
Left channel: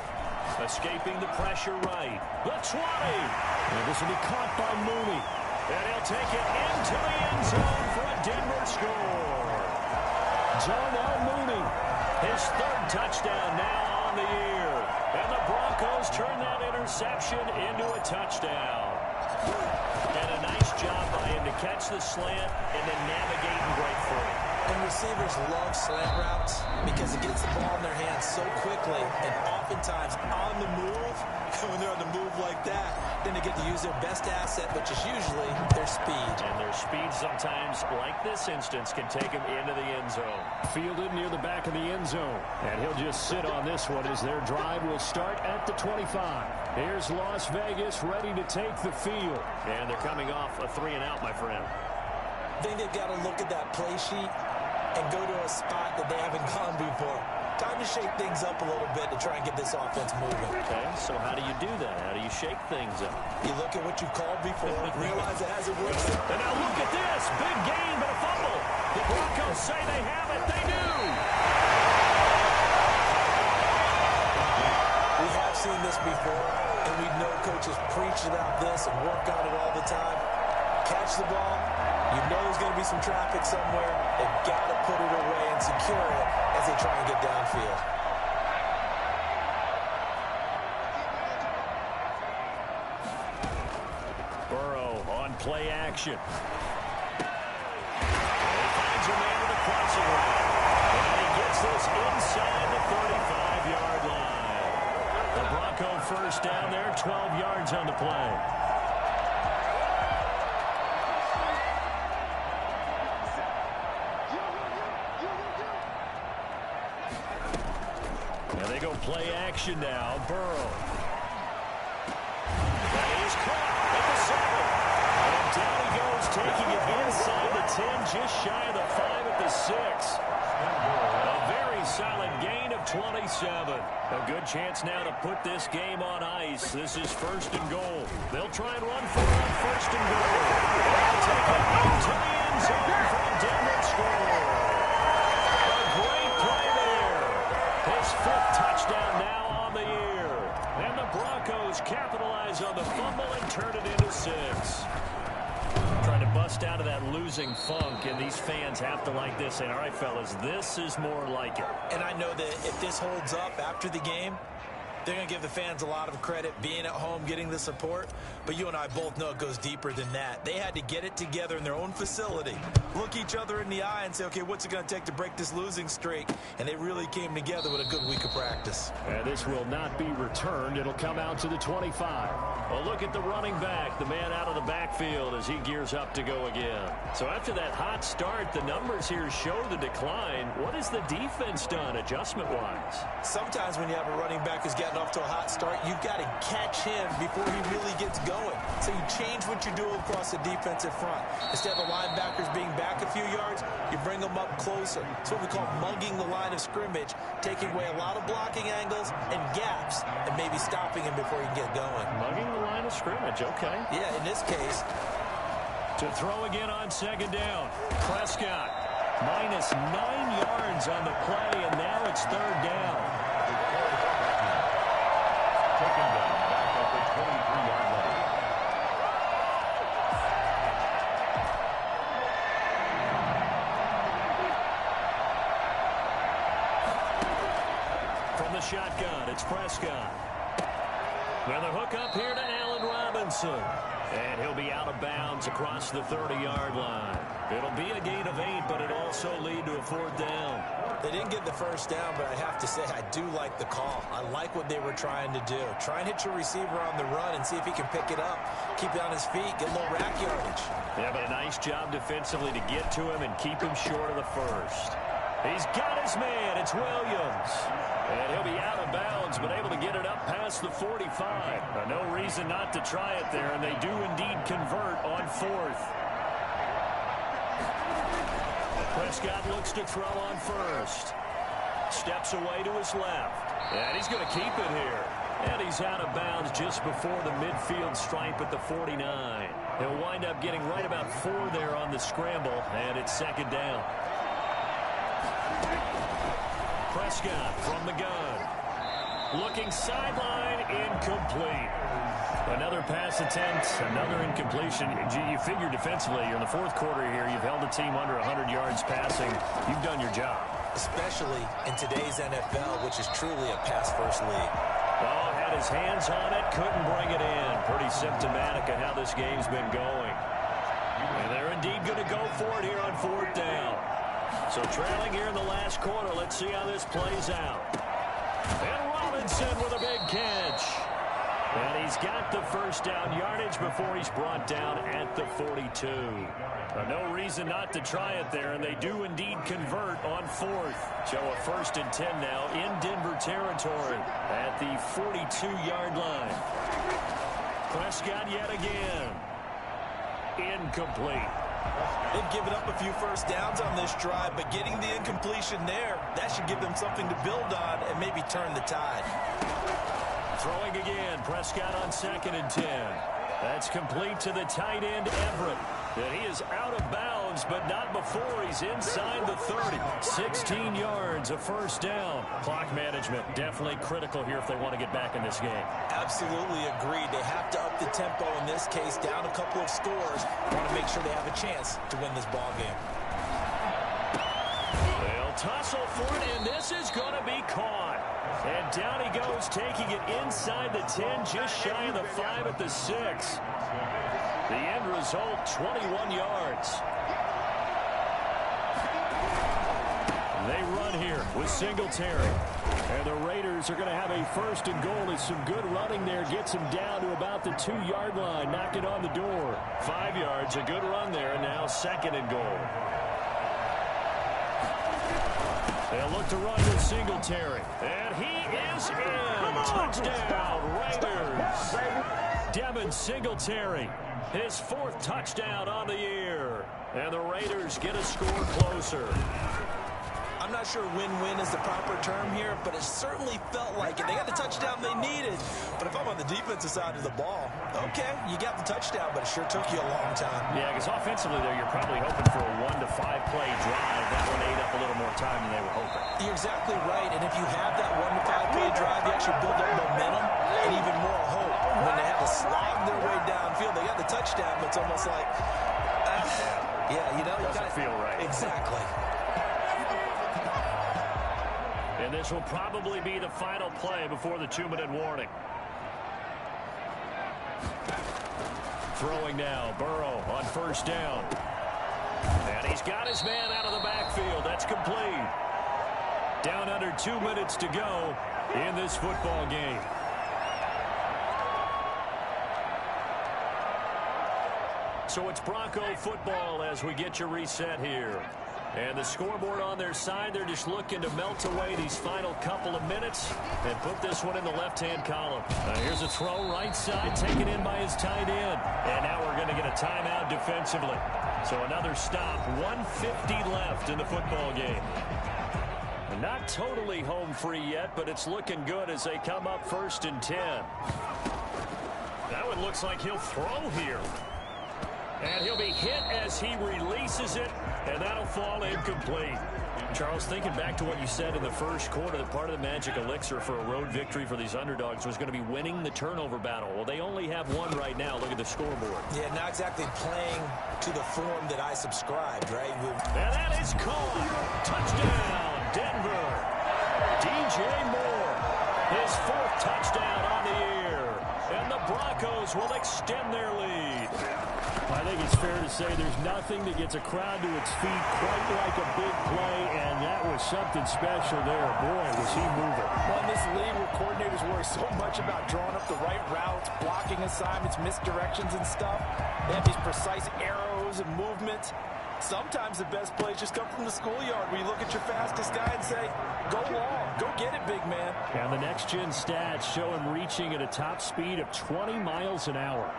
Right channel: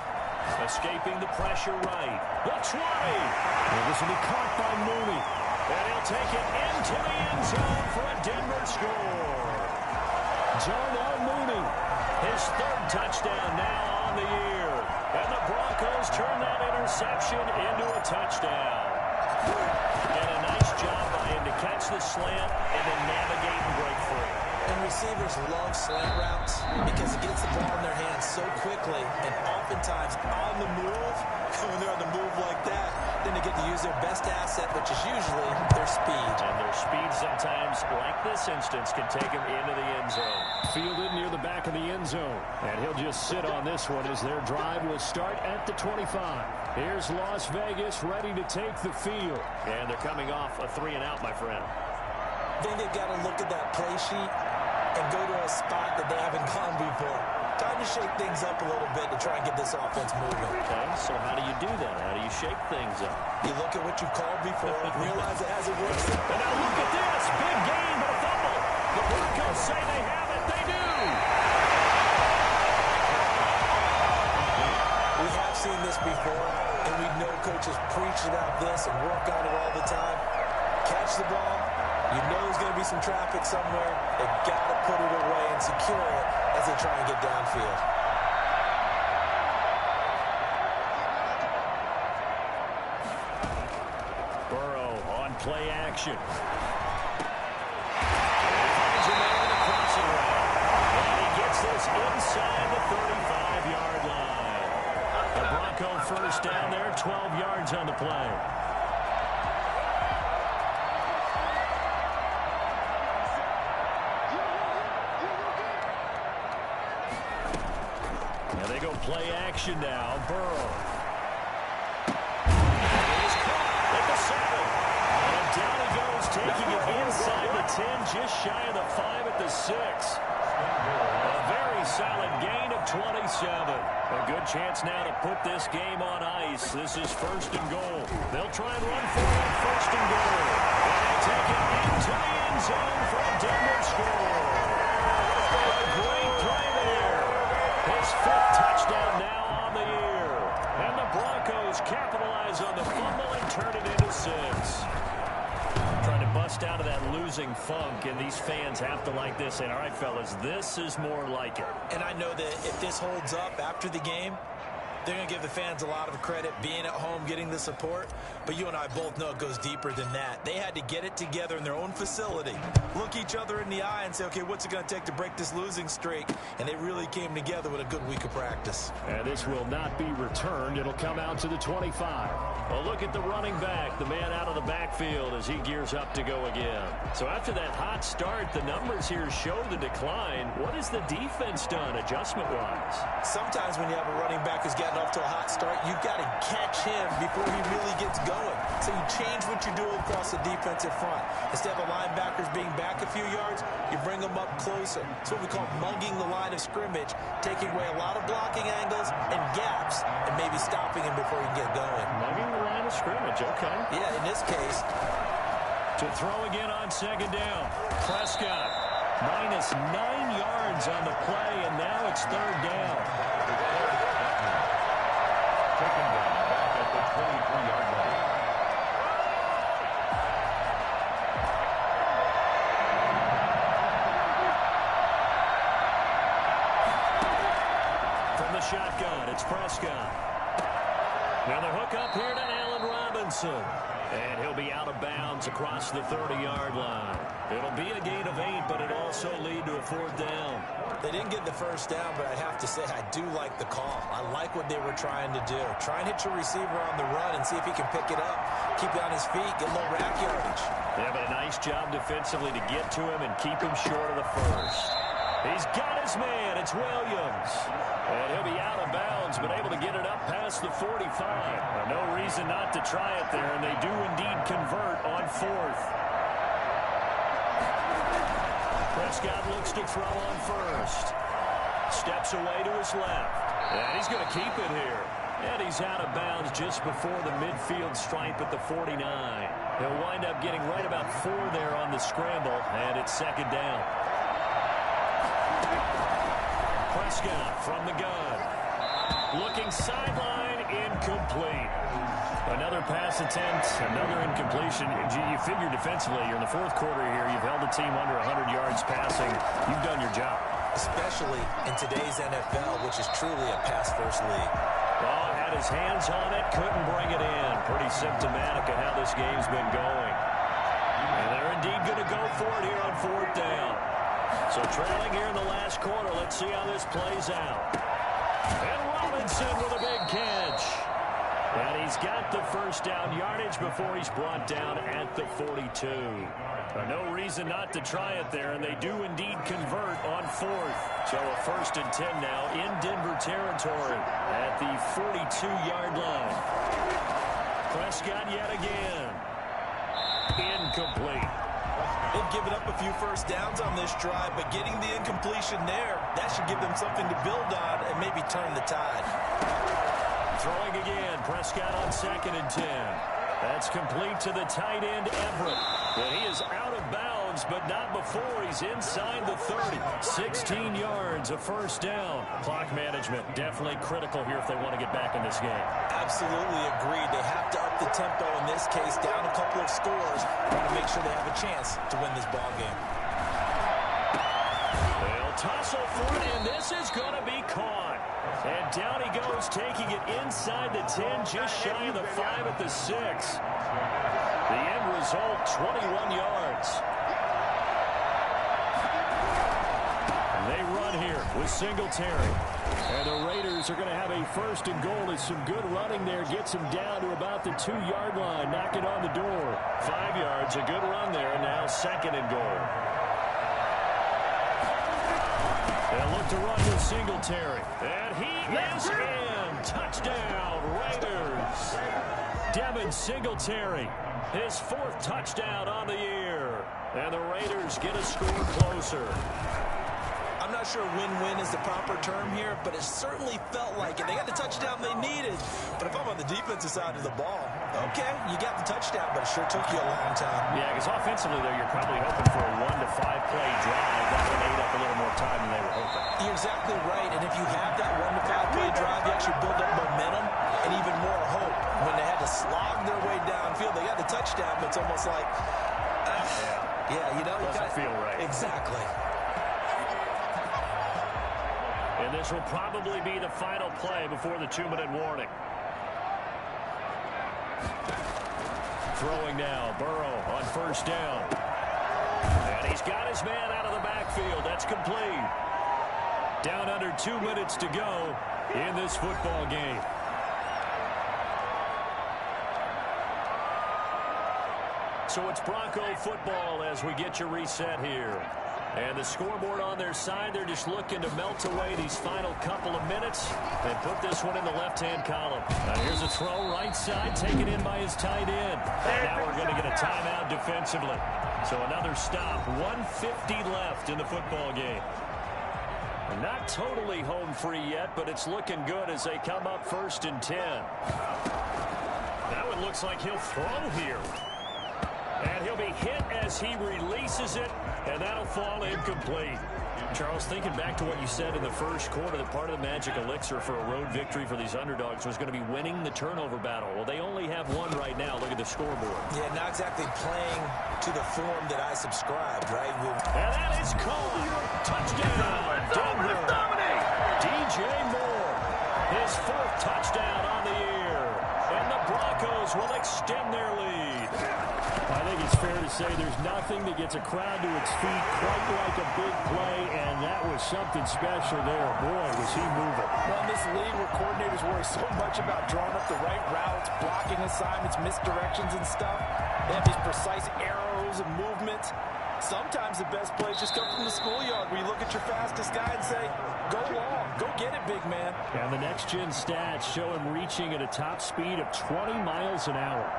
Escaping the pressure right. The 20. Well, this will be caught by Mooney. And he'll take it into the end zone for a Denver score. Darnell Mooney, his 3rd touchdown now on the year. And the Broncos turn that interception into a touchdown. And a nice job by him to catch the slant and then navigate and break free. And receivers love slant routes because it gets the ball in their hands so quickly and oftentimes on the move. And when they're on the move like that, then they get to use their best asset, which is usually their speed. And their speed sometimes, like this instance, can take them into the end zone. Fielded near the back of the end zone. And he'll just sit on this one as their drive will start at the 25. Here's Las Vegas ready to take the field. And they're coming off a 3-and-out, my friend. I think they've got to look at that play sheet and go to a spot that they haven't gone before. Time to shake things up a little bit to try and get this offense moving. Okay, so how do you do that? How do you shake things up? You look at what you called before, realize it hasn't worked. And now look at this. Big gain, but a fumble. The Broncos say they have it. They do. We have seen this before, and we know coaches preach about this and work on it all the time. Catch the ball. You know there's going to be some traffic somewhere. They've got to put it away and secure it as they try and get downfield. Burrow on play action. And he finds a man in the crossing route. And he gets this inside the 35-yard line. The Bronco first down there, 12 yards on the play. They go play action now. Burrow. And it is caught at the 7. And down he goes, taking it inside the 10, just shy of the 5 at the 6. A very solid gain of 27. A good chance now to put this game on ice. This is 1st and goal. They'll try and run for it on 1st and goal. And they'll take it into the end zone for a Denver score. A great play there. His 5th touchdown now on the year. And the Broncos capitalize on the fumble and turn it into 6. Trying to bust out of that losing funk, and these fans have to like this. And all right, fellas, this is more like it. And I know that if this holds up after the game, they're going to give the fans a lot of credit, being at home, getting the support. But you and I both know it goes deeper than that. They had to get it together in their own facility, look each other in the eye and say, okay, what's it going to take to break this losing streak? And they really came together with a good week of practice. And this will not be returned. It'll come out to the 25. Well, look at the running back, the man out of the backfield as he gears up to go again. So after that hot start, the numbers here show the decline. What has the defense done adjustment-wise? Sometimes when you have a running back who's getting off to a hot start, you've got to catch him before he really gets going. So you change what you do across the defensive front. Instead of the linebackers being back a few yards, you bring them up closer. It's what we call mugging the line of scrimmage, taking away a lot of blocking angles and gaps and maybe stopping him before he can get going. Mugging the line of scrimmage, okay. Yeah, in this case. To throw again on 2nd down. Prescott minus 9 yards on the play, and now it's 3rd down. Taken down back at the 23-yard line. From the shotgun, it's Prescott. Now the hook up here to Allen Robinson. And he'll be out of bounds across the 30-yard line. It'll be a gain of 8, but it'll also lead to a 4th down. They didn't get the first down, but I have to say I do like the call. I like what they were trying to do. Try and hit your receiver on the run and see if he can pick it up. Keep it on his feet, get a little rack yardage. Yeah, but a nice job defensively to get to him and keep him short of the first. He's got it his man. It's Williams. And he'll be out of bounds, but able to get it up past the 45. No reason not to try it there, and they do indeed convert on fourth. Prescott looks to throw on first. Steps away to his left. And he's going to keep it here. And he's out of bounds just before the midfield stripe at the 49. He'll wind up getting right about 4 there on the scramble, and it's second down. Prescott from the gun. Looking sideline, incomplete. Another pass attempt, another incompletion. You figure defensively, you're in the fourth quarter here. You've held the team under 100 yards passing. You've done your job. Especially in today's NFL, which is truly a pass-first league. Well, had his hands on it, couldn't bring it in. Pretty symptomatic of how this game's been going. And they're indeed going to go for it here on fourth down. So trailing here in the last quarter, let's see how this plays out. And Robinson with a big catch. And he's got the first down yardage before he's brought down at the 42. No reason not to try it there, and they do indeed convert on fourth. So a 1st and 10 now in Denver territory at the 42-yard line. Prescott yet again. Incomplete. They've given up a few first downs on this drive, but getting the incompletion there, that should give them something to build on and maybe turn the tide. Throwing again, Prescott on 2nd and 10. That's complete to the tight end, Everett. And he is out of bounds, but not before he's inside the 30. 16 yards, a first down. Clock management definitely critical here if they want to get back in this game. Absolutely agreed. They have to up the tempo in this case, down a couple of scores. Want to make sure they have a chance to win this ball game. They'll tussle for it, and this is going to be caught. And down he goes, taking it inside the 10, just shy of the 5 at the 6. The end result, 21 yards. They run here with Singletary. And the Raiders are going to have a 1st and goal as some good running there gets them down to about the 2-yard line, knocking on the door. 5 yards, a good run there, and now 2nd and goal. They'll look to run with Singletary. And he is in. Touchdown, Raiders. Devin Singletary, his 4th touchdown on the year. And the Raiders get a score closer. I'm not sure win-win is the proper term here, but it certainly felt like it. They got the touchdown they needed. But if I'm on the defensive side of the ball, okay, you got the touchdown, but it sure took you a long time. Yeah, because offensively there, you're probably hoping for a 1 to 5 play drive. That one ate up a little more time than they were hoping. You're exactly right, and if you have that 1 to 5 play drive, you actually build up momentum and even more hope. When they had to slog their way downfield, they got the touchdown, but it's almost like, yeah, you know, you doesn't feel right. Exactly. And this will probably be the final play before the 2-minute warning. Throwing now, Burrow on 1st down. And he's got his man out of the backfield. That's complete. Down under 2 minutes to go in this football game. So it's Bronco football as we get you reset here. And the scoreboard on their side, they're just looking to melt away these final couple of minutes and put this one in the left-hand column. Here's a throw right side, taken in by his tight end. And now we're going to get a timeout defensively. So another stop, 1:50 left in the football game. Not totally home free yet, but it's looking good as they come up 1st and 10. That one looks like he'll throw here. And he'll be hit as he releases it, and that'll fall incomplete. Charles, thinking back to what you said in the first quarter, that part of the magic elixir for a road victory for these underdogs was going to be winning the turnover battle. Well, they only have one right now. Look at the scoreboard. Yeah, not exactly playing to the form that I subscribed, right? And that is caught. Touchdown, Denver. DJ Moore, his 4th touchdown on the year. And the Broncos will extend their lead. I think it's fair to say there's nothing that gets a crowd to its feet quite like a big play, and that was something special there. Boy, was he moving. Well, in this league where coordinators worry so much about drawing up the right routes, blocking assignments, misdirections and stuff, they have these precise arrows and movements. Sometimes the best plays just come from the schoolyard where you look at your fastest guy and say, go long, go get it, big man. And the next-gen stats show him reaching at a top speed of 20 miles an hour.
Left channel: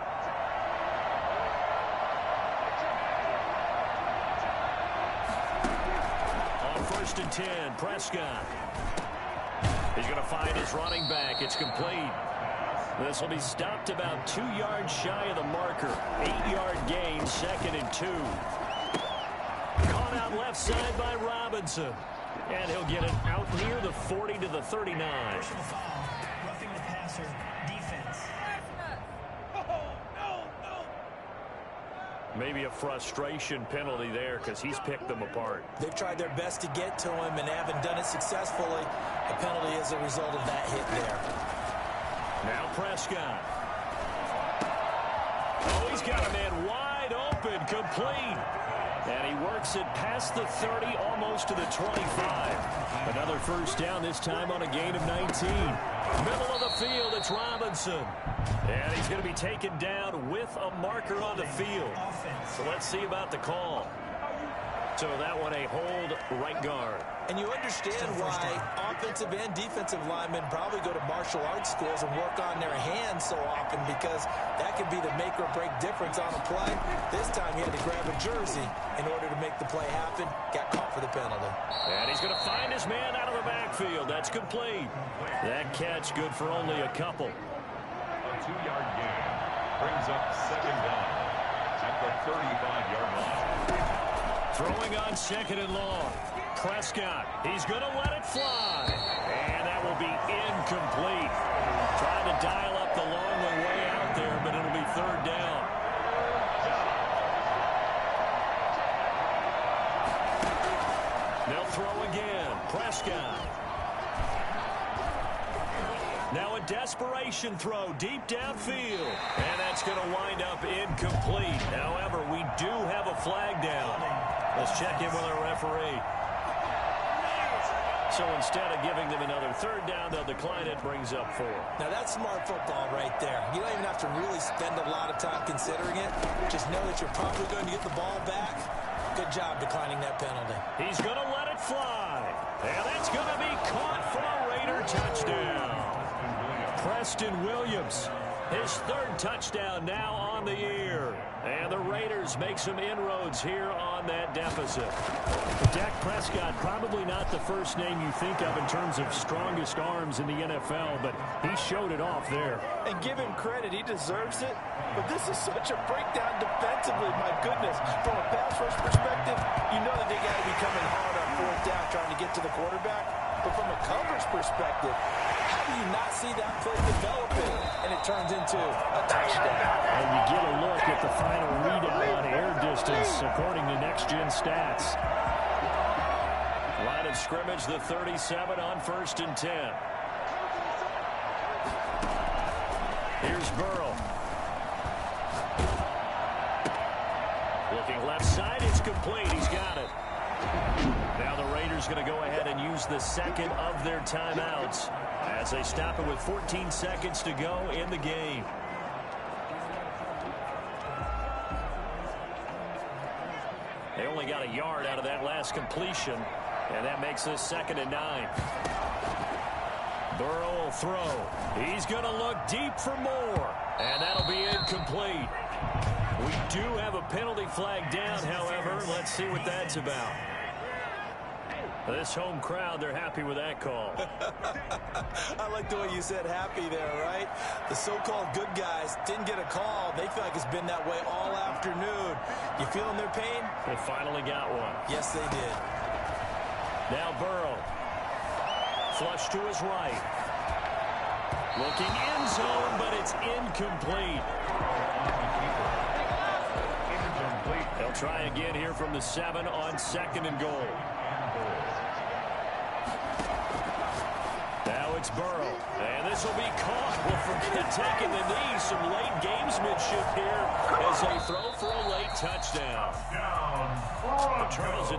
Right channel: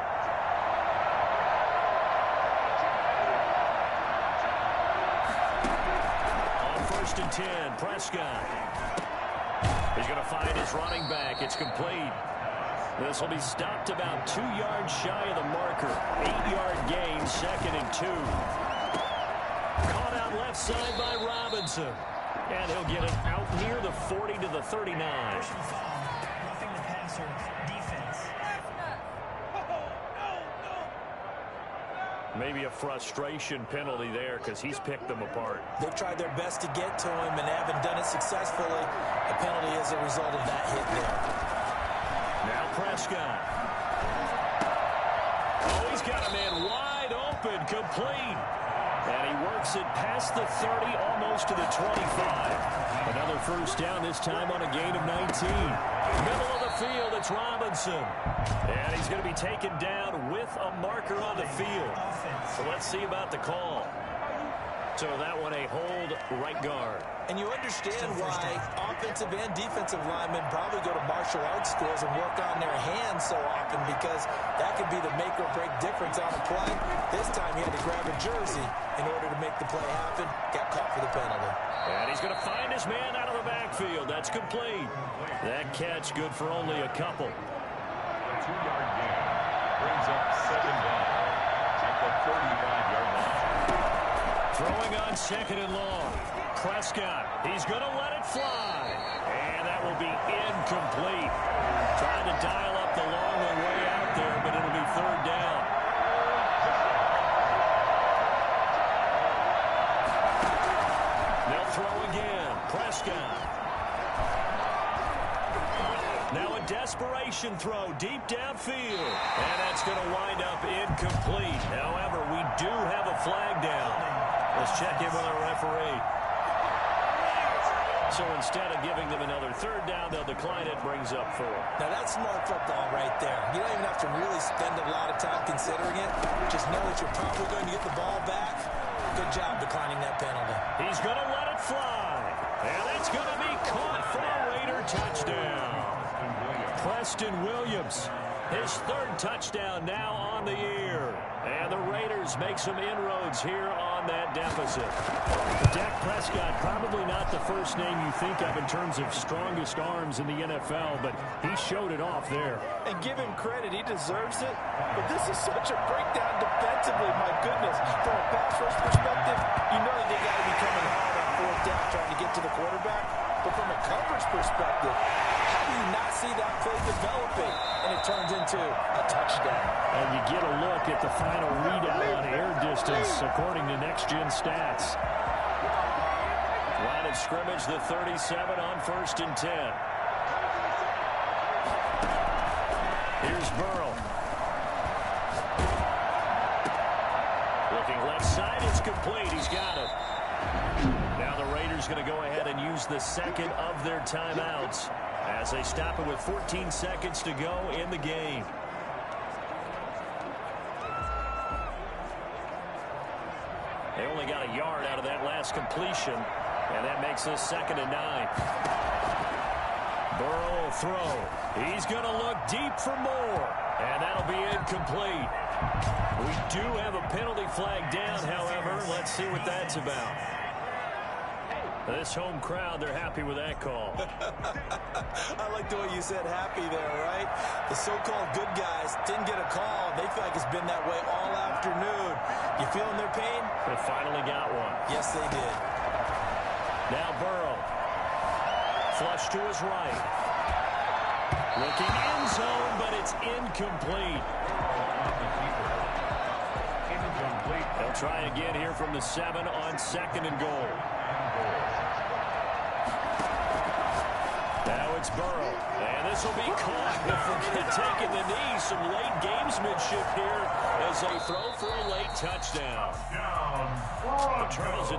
On 1st and 10, Prescott. He's going to find his running back. It's complete. This will be stopped about 2 yards shy of the marker. 8-yard gain, 2nd and 2. Caught out left side by Robinson. And he'll get it out near the 40 to the 39. Personal foul, roughing the passer, defense. Maybe a frustration penalty there because he's picked them apart. They've tried their best to get to him and haven't done it successfully. A penalty as a result of that hit there. Now Prescott. Oh, he's got a man wide open, complete. And he works it past the 30, almost to the 25. Another first down, this time on a gain of 19. Middle of the field, it's Robinson. And he's going to be taken down with a marker on the field. So let's see about the call. So that one a hold right guard. And you understand why offensive and defensive linemen probably go to martial arts schools and work on their hands so often, because that could be the make or break difference on a play. This time he had to grab a jersey in order to make the play happen. Got caught for the penalty. And he's going to find his man out of the backfield. That's complete. That catch good for only a couple. A 2-yard gain brings up 2nd down at the 35-yard line. Throwing on 2nd and long. Prescott, he's going to let it fly. And that will be incomplete. Trying to dial up the long way out there, but it'll be 3rd down. They'll throw again. Prescott. Now a desperation throw deep downfield. And that's going to wind up incomplete. However, we do have a flag down. Let's check in with our referee. So instead of giving them another 3rd down, they'll decline it. Brings up 4. Now that's smart football right there. You don't even have to really spend a lot of time considering it. Just know that you're probably going to get the ball back. Good job declining that penalty. He's going to let it fly. And that's going to be caught for a Raider touchdown. Preston Williams, his 3rd touchdown now on the year. And the Raiders make some inroads here on that deficit. Dak Prescott, probably not the first name you think of in terms of strongest arms in the NFL, but he showed it off there. And give him credit, he deserves it. But this is such a breakdown defensively, my goodness. From a pass rush perspective, you know that they got to be coming hard on 4th down trying to get to the quarterback. But from a coverage perspective, how do you not see that play developing? And it turns into a touchdown. And you get a look at the final readout on air distance, according to next-gen stats. Line of scrimmage, the 37 on 1st and 10. Here's Burrow. Looking left side, it's complete. He's got it. Now the Raiders going to go ahead and use the 2nd of their timeouts as they stop it with 14 seconds to go in the game. They only got a yard out of that last completion, and that makes this 2nd and 9. Burrow will throw. He's going to look deep for more, and that'll be incomplete. We do have a penalty flag down, however. Let's see what that's about. This home crowd, they're happy with that call. I like the way you said happy there, right? The so-called good guys didn't get a call. They feel like it's been that way all afternoon. You feeling their pain? They finally got one. Yes, they did. Now Burrow. Flush to his right. Looking end zone, but it's incomplete. They'll try again here from the 7 on 2nd and goal. Now it's Burrow, and this will be caught. Well, forget taking the knee. Some late gamesmanship here as they throw for a late touchdown. The Charles